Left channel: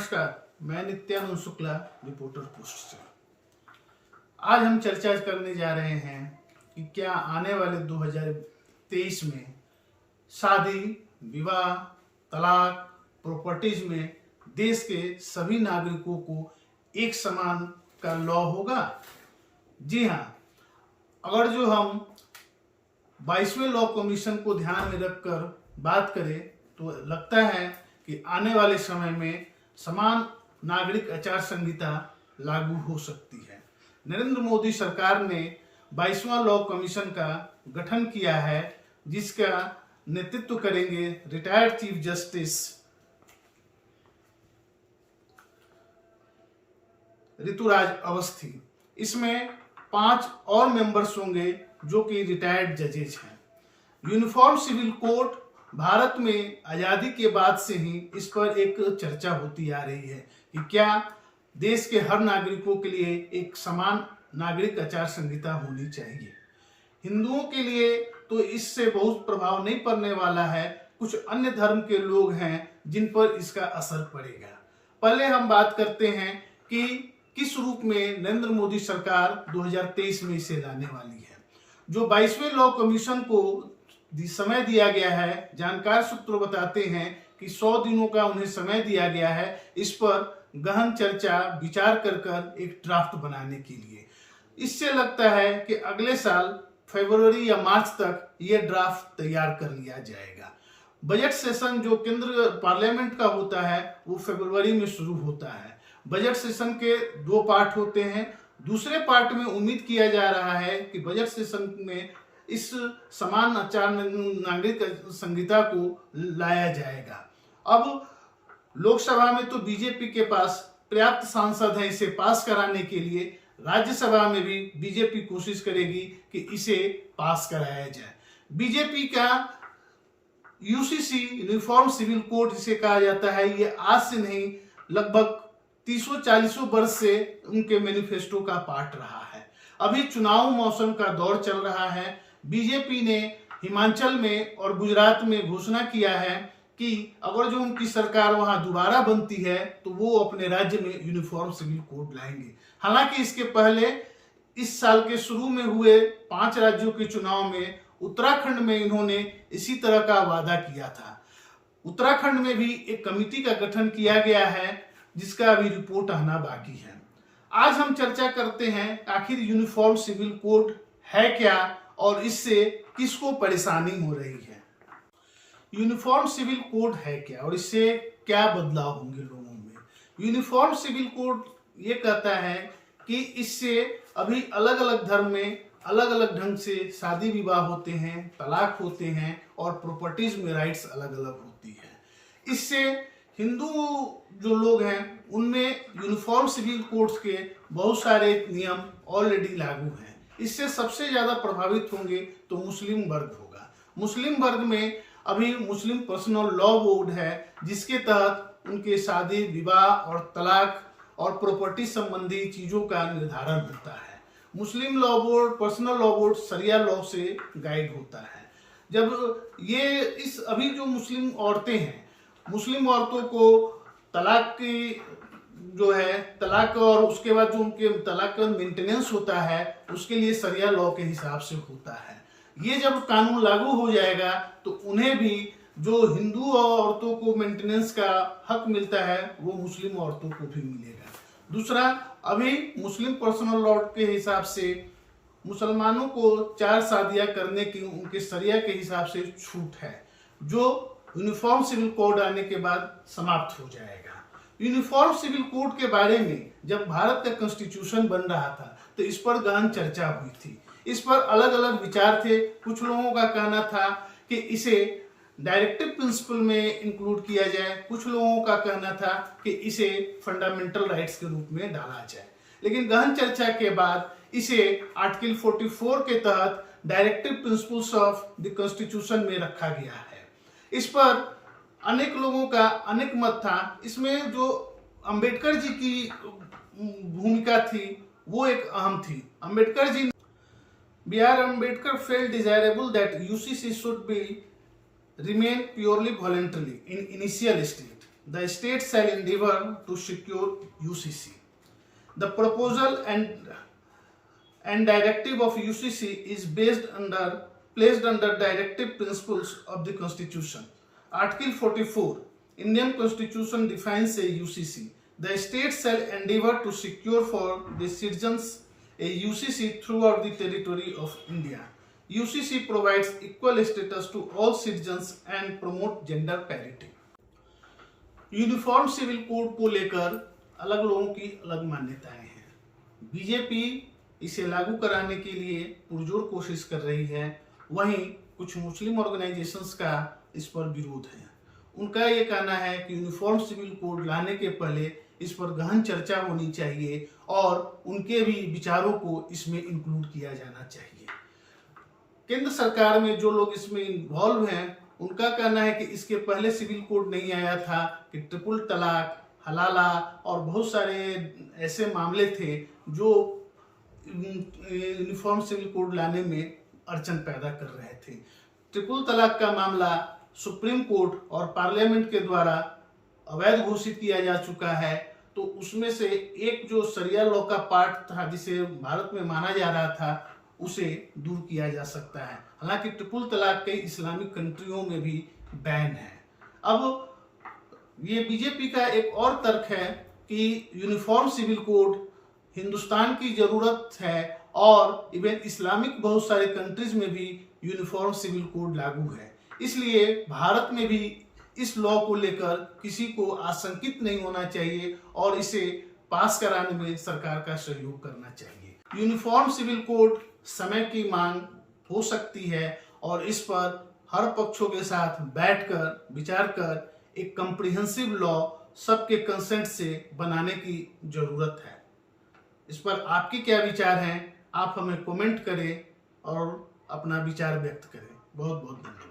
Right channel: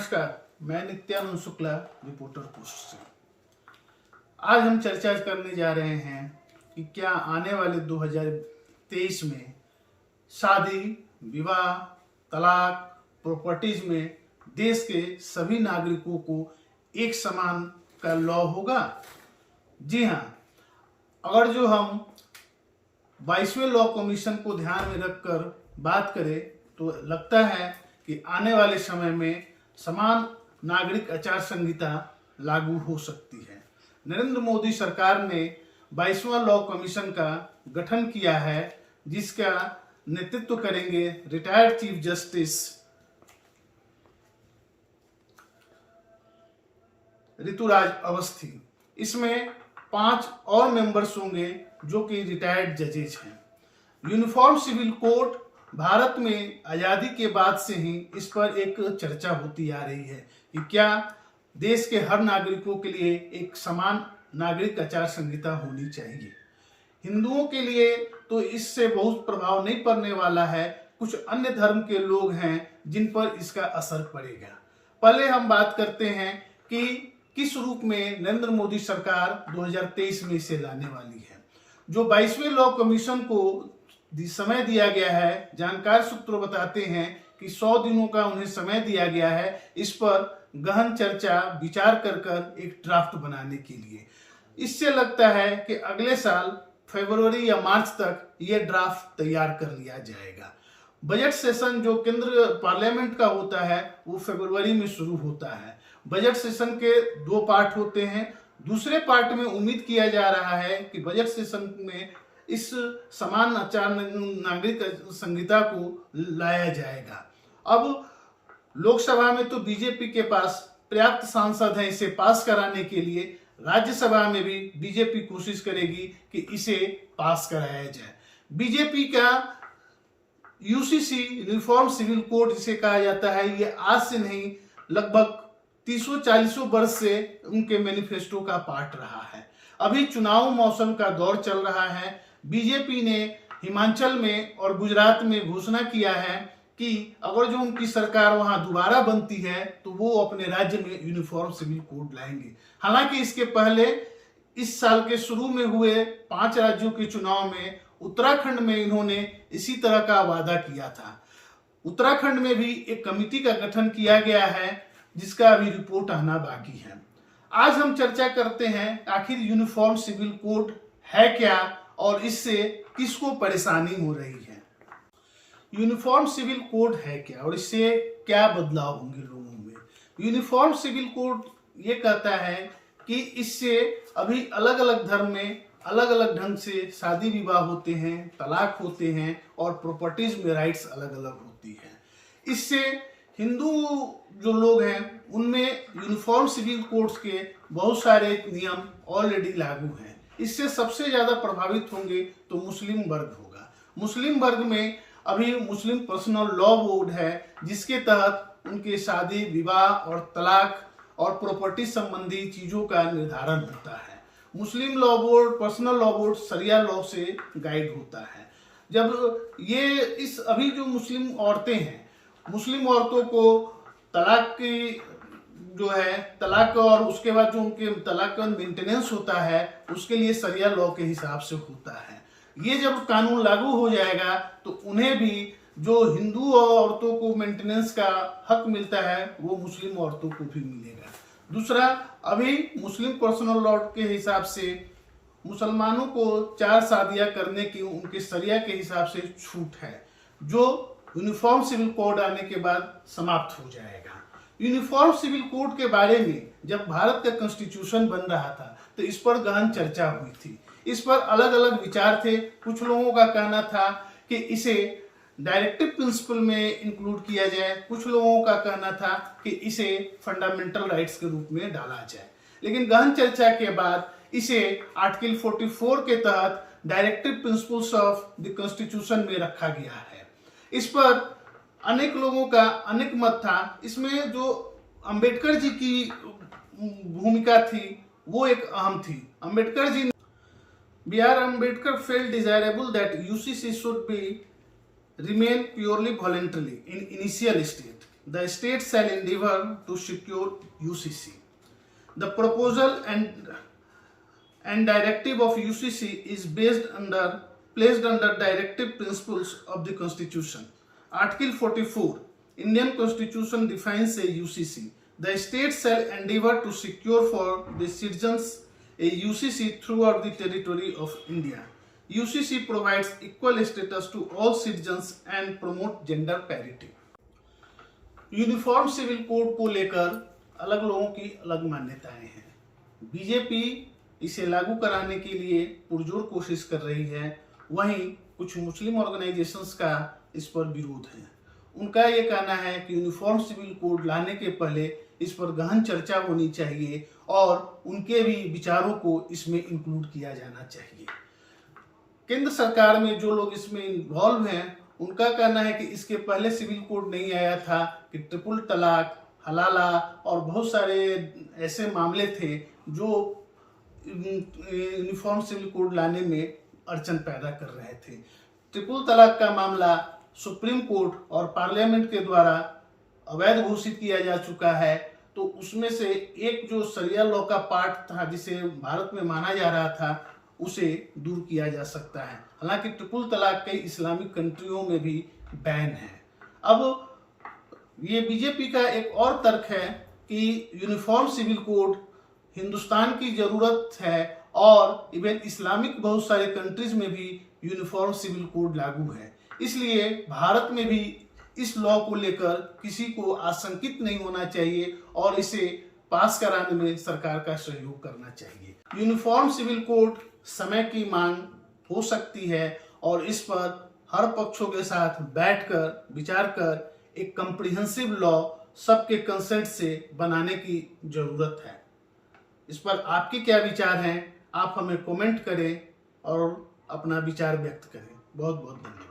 नमस्कार, मैं Nityanand Shukla, reporter post से। आज हम चर्चा करने जा रहे हैं कि क्या आने वाले 2023 में शादी, विवाह, तलाक, प्रॉपर्टीज में देश के सभी नागरिकों को एक समान का लॉ होगा। जी हाँ, अगर जो हम 22वें लॉ कमीशन को ध्यान में रखकर बात करें तो लगता है कि आने वाले समय में समान नागरिक आचार संहिता लागू हो सकती है। नरेंद्र मोदी सरकार ने 22वां लॉ कमीशन का गठन किया है, जिसका नेतृत्व करेंगे retired chief justice Rituraj Awasthi. इसमें 5 और मेंबर्स होंगे जो कि रिटायर्ड जजेज हैं। यूनिफॉर्म सिविल कोड भारत में आज़ादी के बाद से ही इस पर एक चर्चा होती आ रही है कि क्या देश के हर नागरिकों के लिए एक समान नागरिक आचार संहिता होनी चाहिए। हिंदुओं के लिए तो इससे बहुत प्रभाव नहीं पड़ने वाला है, कुछ अन्य धर्म के लोग हैं जिन पर इसका असर पड़ेगा। पहले हम बात करते हैं कि किस रूप में नरेंद्र मोदी सरकार 2023 में इसे लाने वाली है। जो 22वें लॉ कमीशन को समय दिया गया है, जानकार सूत्र बताते हैं कि 100 दिनों का उन्हें समय दिया गया है इस पर गहन चर्चा विचार कर एक ड्राफ्ट बनाने के लिए। इससे लगता है कि अगले साल फरवरी या मार्च तक यह ड्राफ्ट तैयार कर लिया जाएगा। बजट सेशन जो केंद्र पार्लियामेंट का होता है वो फरवरी में शुरू होता है। बजट सेशन के 2 पार्ट होते हैं। दूसरे पार्ट में उम्मीद किया जा रहा है कि बजट सेशन में इस समान आचार नागरिक संहिता को लाया जाएगा। अब लोकसभा में तो बीजेपी के पास पर्याप्त सांसद हैं इसे पास कराने के लिए। राज्यसभा में भी बीजेपी कोशिश करेगी कि इसे पास कराया जाए। बीजेपी का यूसीसी यूनिफॉर्म सिविल कोड जिसे कहा जाता है, ये आज से नहीं लगभग 30-40 वर्ष से उनके मैनिफेस्टो का पार्ट रहा है। अभी चुनाव मौसम का दौर चल रहा है। बीजेपी ने हिमाचल में और गुजरात में घोषणा किया है कि अगर जो उनकी सरकार वहां दोबारा बनती है तो वो अपने राज्य में यूनिफॉर्म सिविल कोड लाएंगे। हालांकि इसके पहले इस साल के शुरू में हुए 5 राज्यों के चुनाव में उत्तराखंड में इन्होंने इसी तरह का वादा किया था। उत्तराखंड में भी एक कमेटी का गठन किया गया है जिसका अभी रिपोर्ट आना बाकी है। आज हम चर्चा करते हैं आखिर यूनिफॉर्म सिविल कोड है क्या और इससे किसको परेशानी हो रही है। यूनिफॉर्म सिविल कोड है क्या और इससे क्या बदलाव होंगे लोगों में। यूनिफॉर्म सिविल कोड ये कहता है कि इससे अभी अलग अलग धर्म में अलग अलग ढंग से शादी विवाह होते हैं, तलाक होते हैं और प्रॉपर्टीज में राइट्स अलग अलग होती है। इससे हिंदू जो लोग हैं उनमें यूनिफॉर्म सिविल कोड्स के बहुत सारे नियम ऑलरेडी लागू हैं। इससे सबसे ज्यादा प्रभावित होंगे तो मुस्लिम वर्ग होगा। मुस्लिम वर्ग में अभी मुस्लिम पर्सनल लॉ बोर्ड है जिसके तहत उनके शादी, विवाह और तलाक और प्रॉपर्टी संबंधी चीजों का निर्धारण होता है। Muslim law board, personal law board शरिया लॉ से गाइड होता है। जब ये इस अभी जो मुस्लिम औरतें हैं, मुस्लिम औरतों को तलाक की जो है तलाक और उसके बाद जो उनके तलाक का मेंटेनेंस होता है उसके लिए शरिया लॉ के हिसाब से होता है। ये जब कानून लागू हो जाएगा तो उन्हें भी जो हिंदू औरतों को मेंटेनेंस का हक मिलता है वो मुस्लिम औरतों को भी मिलेगा। दूसरा, अभी मुस्लिम पर्सनल लॉ के हिसाब से मुसलमानों को 4 शादियां करने की उनके शरिया के हिसाब से छूट है, जो यूनिफॉर्म सिविल कोड आने के बाद समाप्त हो जाएगा। यूनिफॉर्म सिविल कोड के बारे में जब भारत का कॉन्स्टिट्यूशन बन रहा था तो इस पर गहन चर्चा हुई थी। इस पर अलग अलग विचार थे। कुछ लोगों का कहना था कि इसे डायरेक्टिव प्रिंसिपल में इंक्लूड किया जाए, कुछ लोगों का कहना था कि इसे फंडामेंटल राइट्स के रूप में डाला जाए। लेकिन गहन चर्चा के बाद इसे आर्टिकल 44 के तहत directive principles of the constitution में रखा गया है। इस पर अनेक लोगों का अनेक मत था। इसमें जो अंबेडकर जी की भूमिका थी वो एक अहम थी। Ambedkar ji B.R. Ambedkar felt desirable that UCC should be remain purely voluntary in initial state. the state shall endeavor to secure UCC. The proposal and directive of UCC is placed under directive principles of the Constitution. Article 44, Indian Constitution defines a UCC. The state shall endeavor to secure for the citizens a UCC throughout the territory of India. UCC provides equal status to all citizens and promote gender parity. Uniform civil code को लेकर अलग लोगों की अलग मान्यताएं हैं। BJP इसे लागू कराने के लिए पुरजोर कोशिश कर रही है, वहीं कुछ मुस्लिम ऑर्गेनाइजेशंस का इस पर विरोध है। उनका ये कहना है कि यूनिफॉर्म सिविल कोड लाने के पहले इस पर गहन चर्चा होनी चाहिए और उनके भी विचारों को इसमें इंक्लूड किया जाना चाहिए। केंद्र सरकार में जो लोग इसमें इन्वॉल्व हैं, उनका कहना है कि इसके पहले सिविल कोड नहीं आया था कि ट्रिपल तलाक, हलाला और बहुत सारे ऐसे मामले थे जो यूनिफॉर्म सिविल कोड लाने में अड़चन पैदा कर रहे थे। ट्रिपल तलाक का मामला सुप्रीम कोर्ट और पार्लियामेंट के द्वारा अवैध घोषित किया जा चुका है, तो उसमें से एक जो शरिया लॉ का पार्ट था जिसे भारत में माना जा रहा था, उसे दूर किया जा सकता है। हालांकि ट्रिपल तलाक कई इस्लामिक कंट्रियों में भी बैन है। अब ये बीजेपी का एक और तर्क है कि यूनिफॉर्म सिविल कोड हिंदुस्तान की जरूरत है और इवन इस्लामिक बहुत सारे कंट्रीज में भी यूनिफॉर्म सिविल कोड लागू है। इसलिए भारत में भी इस लॉ को लेकर किसी को आशंकित नहीं होना चाहिए और इसे पास कराने में सरकार का सहयोग करना चाहिए। यूनिफॉर्म सिविल कोड समय की मांग हो सकती है और इस पर हर पक्षों के साथ बैठकर विचार कर एक कम्प्रिहेंसिव लॉ सबके कंसेंट से बनाने की जरूरत है। इस पर आपके क्या विचार हैं? आप हमें कमेंट करें और अपना विचार व्यक्त करें। बहुत बहुत धन्यवाद।